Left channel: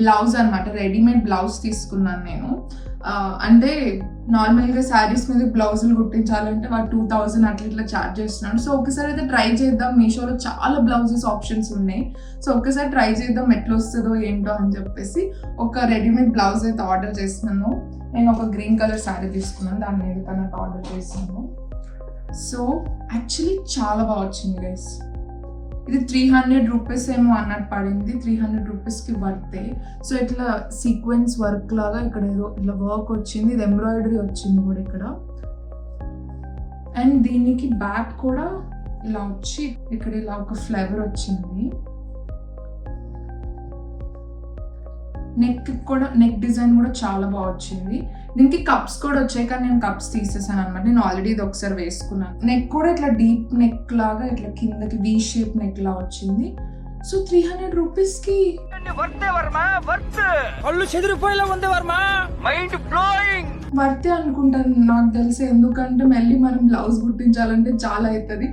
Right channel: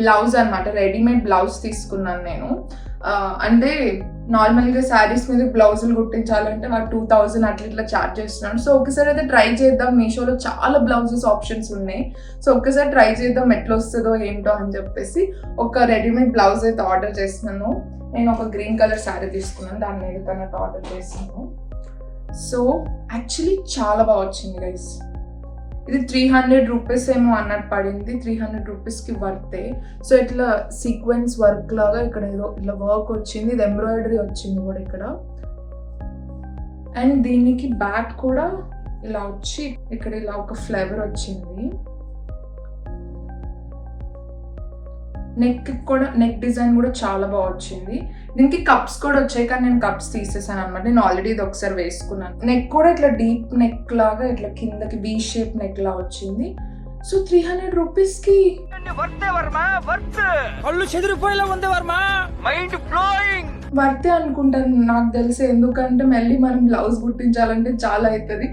Blouse అనమాట, readymade blouse తీసుకున్నాను నేను. అంటే నార్మల్గా శారీస్ మీద బ్లౌజులు కుట్టించాలంటే వాడు 2000 అట్లా ఇట్లా ఛార్జ్ చేస్తున్నాడు. సో ఒకసారి అయితే ట్రై చేద్దాం, మీషోలో చాలా బ్లౌజెస్ ఆప్షన్స్ ఉన్నాయి. సో ఒక్కసారి ట్రై చేద్దాం ఎట్లా వస్తుందో ఏంటో అని చెప్పేసి ఒక రెడీమేడ్ బ్లౌజ్ అయితే ఆర్డర్ చేస్తున్నాను. నేను ఒక గ్రీన్ కలర్ శారీ తీసుకున్నాను, దాని మీద కన్నట్టు ఆర్డర్ చేస్తున్నాను. సో యాక్చువల్లీ చాలా బాగా వచ్చింది గైస్. ఇది 300 రూపీస్ ఏమో అన్నట్టు పడింది, 300 రూపీస్కి వర్తే. సో ఇట్లా సీక్వెన్స్ వర్క్ లాగా ఇక్కడ ఏదో ఇట్లా వర్క్ వచ్చింది, ఇది ఎంబ్రాయిడరీ వచ్చింది కూడా ఇక్కడ. అండ్ దీనికి బ్యాక్ కూడా ఇలా వచ్చి ఇక్కడ ఇలా ఒక ఫ్లేవర్ వచ్చింది. నెక్ డిజైన్ కూడా చాలా బాగా వచ్చింది. దీనికి కప్స్ కూడా వచ్చాయి, కానీ నేను కప్స్ తీసేసాను అనమాట. నేను ఆల్రెడీ ఇది ఒకసారి వేసుకున్నాను. నెక్ కూడా ఇట్లా డీప్ నెక్ లాగా ఇట్లా కిందకి వీ షేప్ నెక్ లా వచ్చింది. సో 300 రూపీస్కి వర్తే అనుకుంటాను నాకు తెలిసి. ఎందుకంటే మళ్ళీ మనం బ్లౌజ్ కుట్టించాలంటే చాలా అవుతుంది.